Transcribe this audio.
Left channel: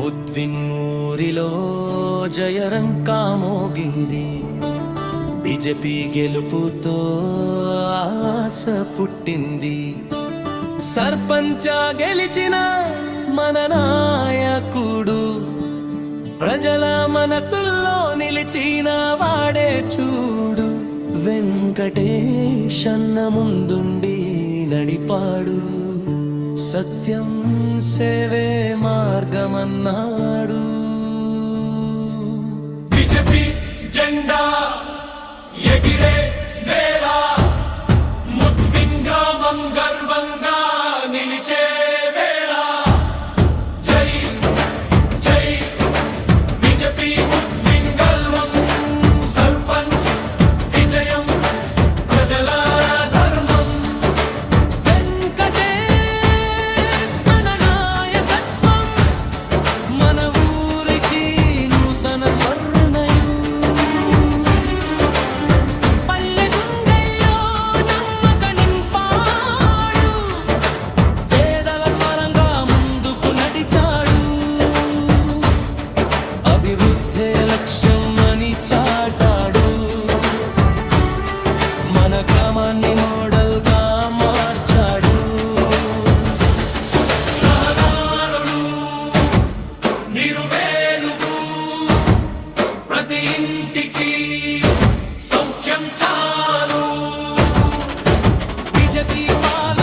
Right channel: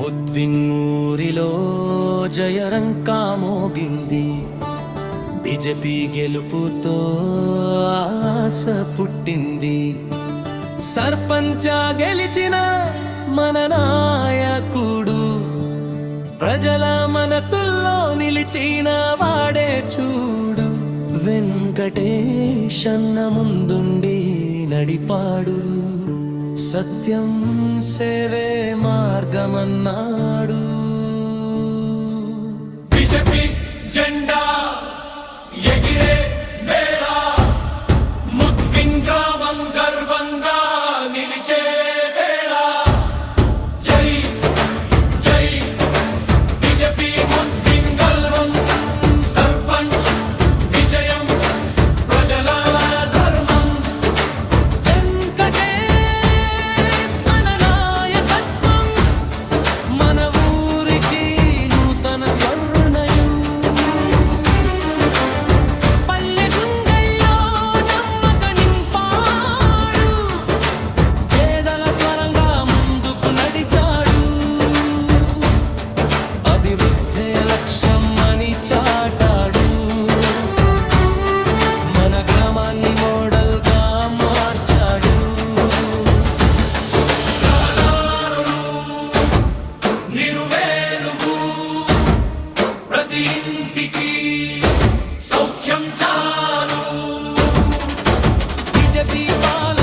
ముద్విన్నూరిలో జయరంకా మోగింది. బీజేపీ గెలుపుతో ఆశ పుట్టింది. సర్పంచ గెలిచిన మన నాయకుడు, ప్రజల మనసుల్లో నిలిచిన వాడే చూడు. వెంకటేశన్న ముందుండి నడిపాడు, సత్యం సేవే మార్గమన్నాడు. బీజేపీ జెండా ఎగిరే వేళ ముద్విన్ గ్రామం గర్వంగా నిలిచే వేళ. జై జై బీజేపీ ముద్విన్ గల్వం, సర్పంచ్ విజయం ప్రజల ధర్మం. వెంకటేశ్ మన నాయకత్వం మన ఊరికి నూతన స్వర్ణయు. పల్లె గుండెల్లో నమ్మక నింపాడు, పేదల స్వరంగా ముందుకు నడిచాడు. అభివృద్ధే లక్ష్యం అని చాటాడు, మన గ్రామాన్ని మోడల్ గా మార్చాడు. రహదారులు నిరువేలుగు, ప్రతి ఇంటికి సౌఖ్యం చాలు. బీజేపీ పాలన